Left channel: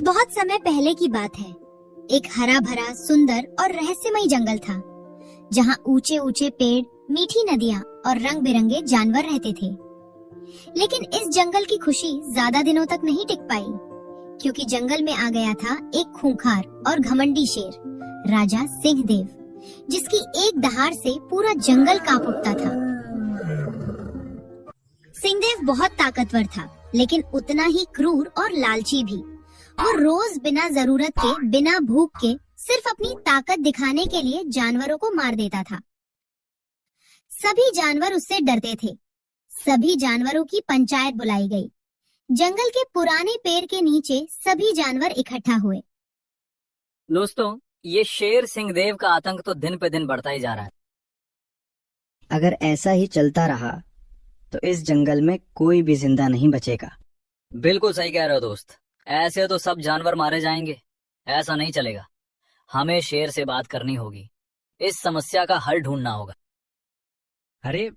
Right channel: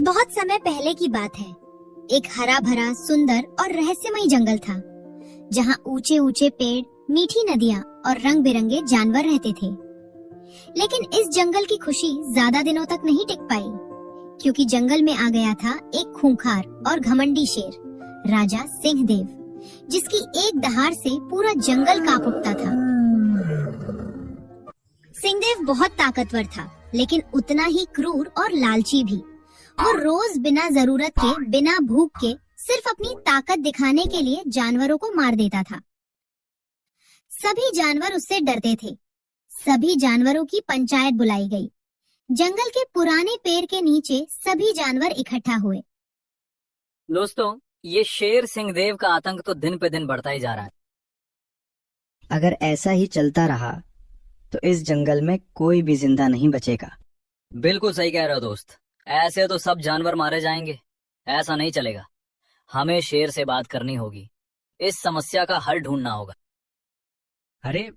बहुत समय पहले की बात है। एक हरा भरा सुंदर और रहस्यमयी जंगल था, जहाँ ऊंचे ऊंचे पेड़, मीठी नदियाँ और रंग बिरंगे जानवर रहते थे। लेकिन इस जंगल की खुशी ज्यादा दिनों तक नहीं टिक पाई, क्योंकि जंगल में आ गया था एक खूंखार और घमंडी शेर, राजा सिंहदेव, जिसकी एक दहाड़ से पूरा जंगल कांप उठता था। सिंहदेव बहुत ताकतवर था, लेकिन उतना ही क्रूर और लालची भी। वो रोज बिना जरूरत के, बिना भूख के, सिर्फ अपनी ताकत दिखाने के लिए जानवरों को मार देता था। सभी जानवर उससे डरते थे। सभी जानवरों की पंचायत बुलाई गई। जंगल के पुराने पेड़ के नीचे सभी जानवर इकट्ठा हुए। दोस्तों, ये शेर सिंहदेव का आतंक तो दिन पे दिन बढ़ता ही जा रहा है। अगर ऐसा ही चलता रहा तो इस जंगल में कोई भी जिंदा नहीं बचेगा। बिल्कुल सही कह रहे हो दोस्त। ऐसे तो सब जानवर मारे जाएंगे। ऐसा नहीं चलेगा। हमें शेर से बात करनी होगी। इस समस्या का हल ढूंढना होगा। अरे,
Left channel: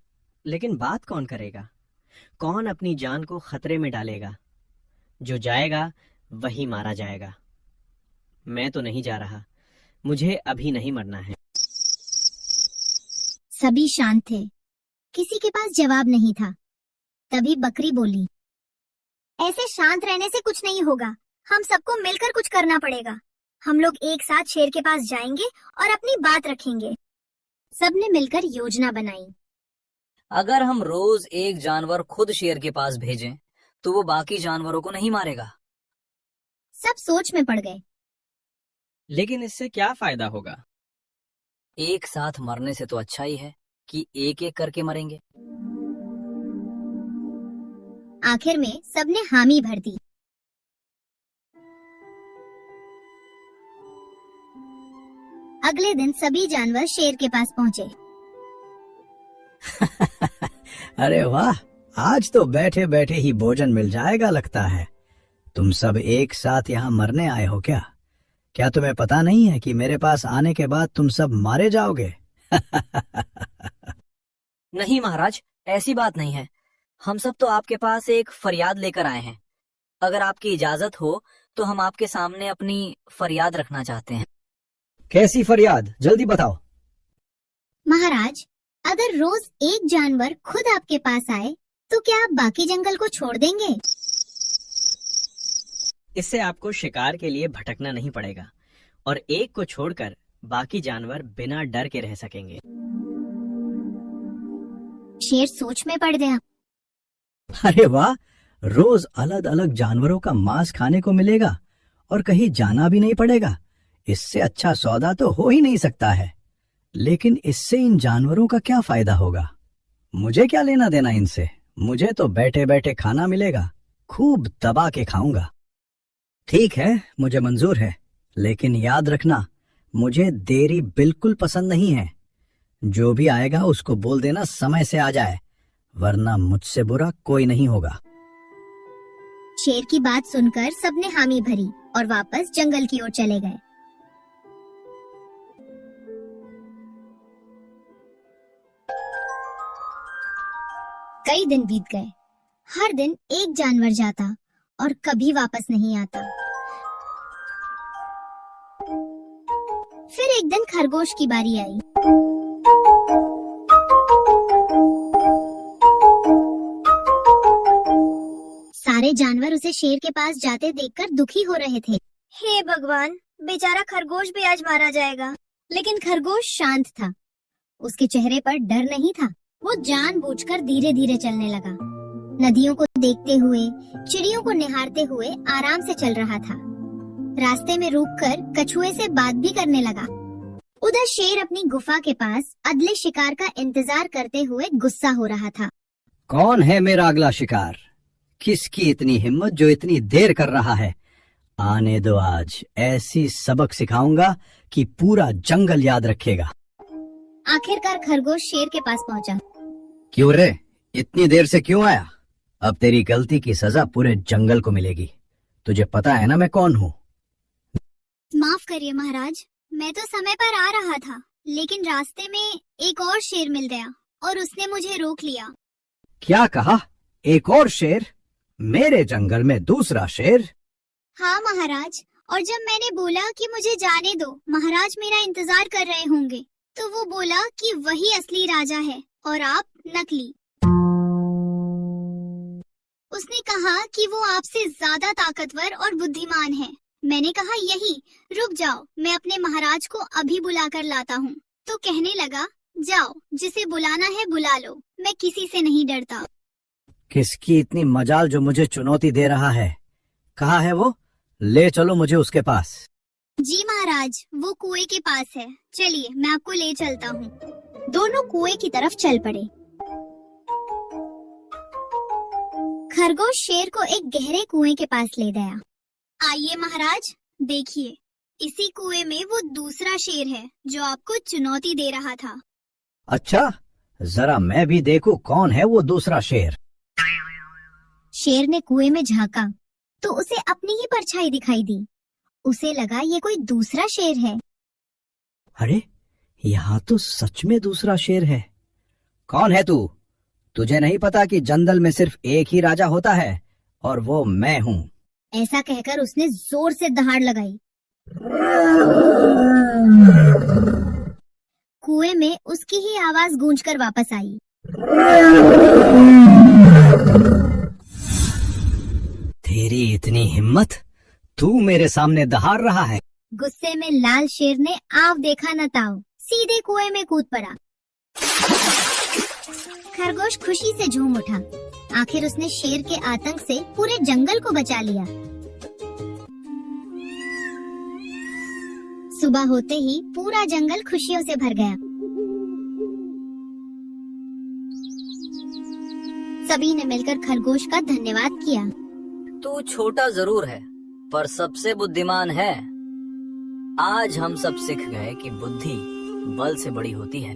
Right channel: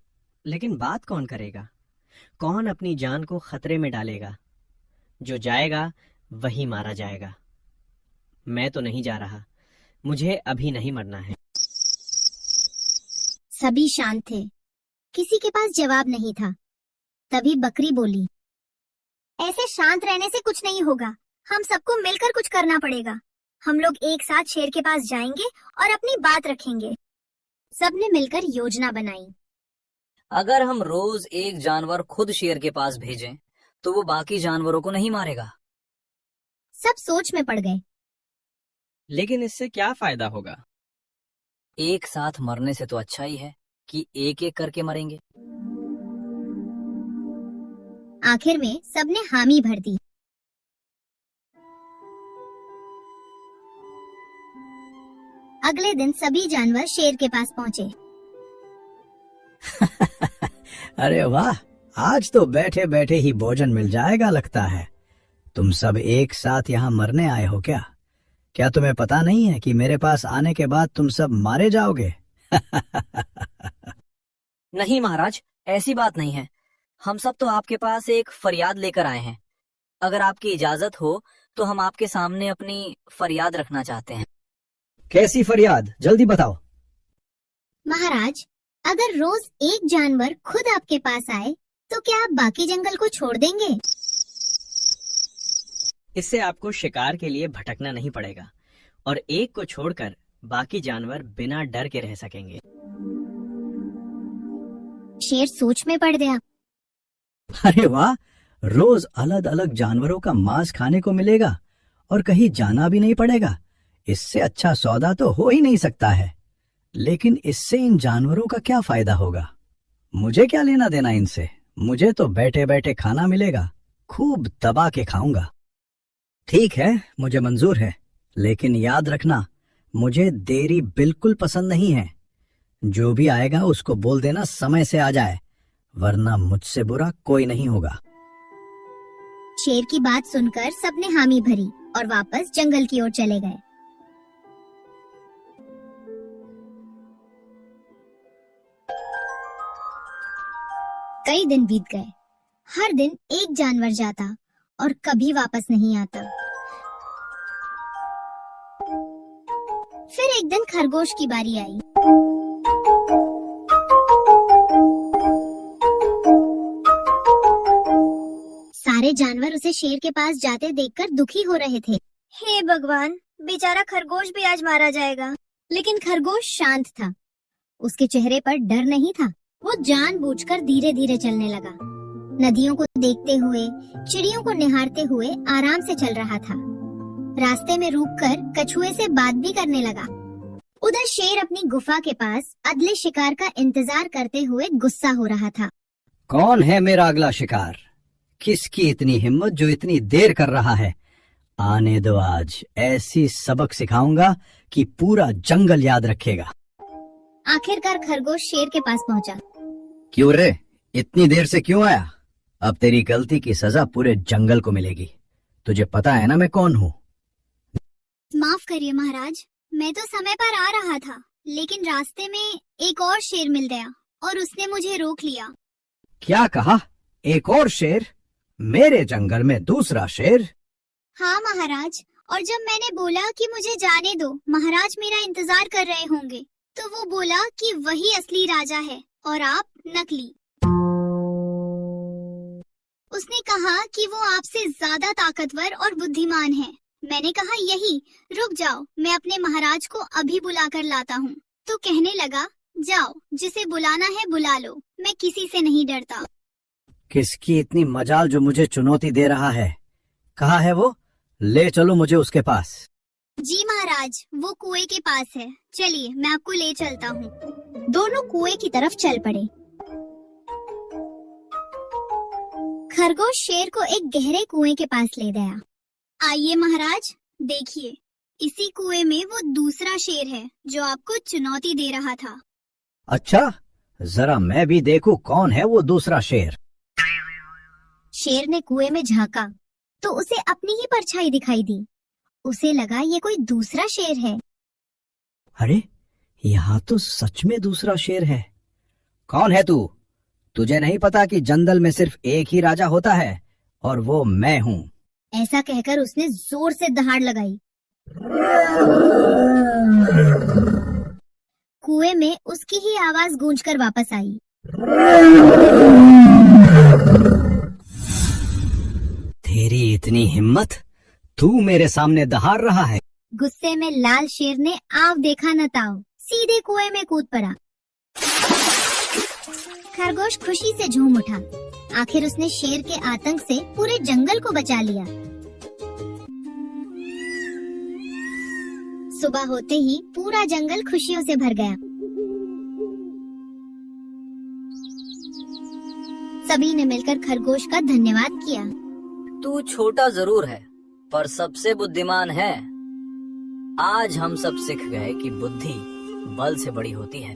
लेकिन बात कौन करेगा? कौन अपनी जान को खतरे में डालेगा? जो जाएगा वही मारा जाएगा। मैं तो नहीं जा रहा। मुझे अभी नहीं मरना है। सभी शांत थे। किसी के पास जवाब नहीं था। तभी बकरी बोली, ऐसे शांत रहने से कुछ नहीं होगा। हम सबको मिलकर कुछ करना पड़ेगा। हम लोग एक साथ शेर के पास जाएंगे और अपनी बात रखेंगे। सबने मिलकर योजना बनाई। अगर हम रोज एक जानवर खुद शेर के पास भेजें, तो वो बाकी जानवरों को नहीं मारेगा। सब सोच में पड़ गए। लेकिन इससे क्या फायदा होगा? एक साथ मरने से तो अच्छा ही है कि एक एक करके मरेंगे। आखिर में सबने हामी भर दी। अगले दिन सभी जानवर शेर के पास पहुंचे। अरे वाह, आज तो बैठे बैठे ही भोजन मिल जाएगा लगता है। तुम सब एक साथ यहाँ मरने आए हो क्या? क्या तुम्हें पता नहीं है कि मेरे पास आने के बाद तुम सब मारे जाओगे? नहीं महाराज, ऐसी बात नहीं है। हम सब तो आपके पास एक फरियाद लेकर आए हैं। अगर आपकी इजाजत हो तो हम आपके सामने अपनी फरियाद रखना चाहते हैं। कैसी फरियाद? जल्दी बताओ। महाराज, अगर रोज एक जानवर खुद आपके पास आए तो क्या आप बाकी जंगल को छोड़ देंगे? इससे आपको शिकार के लिए भटकना नहीं पड़ेगा और एक को छोड़कर बाकी जानवर बिना डर के रह सकेंगे। शेर सोच में पड़ गया। अरे वाह, रोज अलग अलग जानवरों का मांस खाने को मिलेगा और कहीं जाना भी नहीं पड़ेगा। इससे अच्छा सौदा तो हो ही नहीं सकता है। लेकिन इससे इन जानवरों का क्या फायदा होगा? मुझे क्या लेना देना इनसे? मुझे तो बैठे बैठे खाना मिलेगा। खूब दबा के खाऊंगा। ठीक है, मुझे मंजूर है, लेकिन याद रखना, मुझे देरी बिल्कुल पसंद नहीं है। जो भी आएगा उसको बोल देना समय से आ जाए, वरना मुझसे बुरा कोई नहीं होगा। शेर की बात सुनकर सबने हामी भरी और वापस जंगल की ओर चले गए। कई दिन बीत गए। हर दिन एक जानवर जाता और कभी वापस नहीं आता। फिर एक दिन खरगोश की बारी आई। सारे जानवर उसे शेर के पास जाते देखकर दुखी हो रहे थे। हे भगवान, बेचारा खरगोश भी आज मारा जाएगा। लेकिन खरगोश शांत था। उसके चेहरे पर डर नहीं था। वो जानबूझकर धीरे धीरे चलने लगा। नदियों को देखते हुए, चिड़ियों को निहारते हुए आराम से चल रहा था। रास्ते में रुककर कछुए से बात भी करने लगा। उधर शेर अपनी गुफा के पास अगले शिकार का इंतजार करते हुए गुस्सा हो रहा था। कौन है मेरा अगला शिकार? किसकी इतनी हिम्मत जो इतनी देर कर रहा है? आने दो, आज ऐसी सबक सिखाऊंगा कि पूरा जंगल याद रखेगा। आखिरकार खरगोश शेर के पास पहुंचा। क्यों रे, इतनी देर से क्यों आया? अब तेरी गलती की सजा पूरे जंगल को मिलेगी। तुझे पता है ना मैं कौन हूँ? माफ करिए महाराज, मैं तो समय पर आ रहा था, लेकिन रास्ते में एक और शेर मिल गया और उसने मुझे रोक लिया। क्या कहा? एक और शेर? मेरे जंगल में दूसरा शेर? हाँ महाराज, और जब मैंने बोला कि मुझे जाने दो, महाराज मेरा इंतजार कर रहे होंगे, तो वो बोला कि वही असली राजा है और आप नकली। उसने कहा कि वो आपसे ज्यादा ताकतवर और बुद्धिमान है। मैंने कहा यही, रुक जाओ, मैं अपने महाराज को अभी बुला कर लाता हूँ। तो कहने लगा, जाओ, जिसे बुलाना है बुला लो, मैं किसी से नहीं डरता। किसकी इतनी मजाल जो मुझे चुनौती दे रहा है? कहाँ है वो? ले चलो मुझे उसके पास। जी महाराज, वो कुएं के पास है, चलिए मैं आपको ले चलता हूँ। दोनों कुएं की तरफ चल पड़े। खरगोश शेर को एक गहरे कुएं के पास ले गया। आइए महाराज, देखिए, इसी कुएं में वो दूसरा शेर है जो आपको चुनौती दे रहा था। अच्छा, जरा मैं भी देखूं कौन है वो दूसरा शेर। शेर ने कुएं में झांका तो उसे अपनी ही परछाई दिखाई दी। उसे लगा ये कोई दूसरा शेर है। अरे, यहाँ तो सच में दूसरा शेर है। कौन है तू? तुझे नहीं पता कि जंगल में सिर्फ एक ही राजा होता है और वो मैं हूँ। ऐसा कहकर उसने जोर से दहाड़ लगाई। कुएं में उसकी ही आवाज गूंजकर वापस आई। तेरी इतनी हिम्मत, तू मेरे सामने दहाड़ रहा है? गुस्से में लाल शेर ने आव देखा न ताव, सीधे कुएं में कूद पड़ा। खरगोश खुशी से झूम उठा। आखिर उसने शेर के आतंक से पूरे जंगल को बचा लिया। सुबह होते ही पूरा जंगल खुशियों से भर गया। सभी ने मिलकर खरगोश का धन्यवाद किया। तू छोटा जरूर है, पर सबसे बुद्धिमान है। आज हम सब सीख गए कि बुद्धि बल से बड़ी होती है।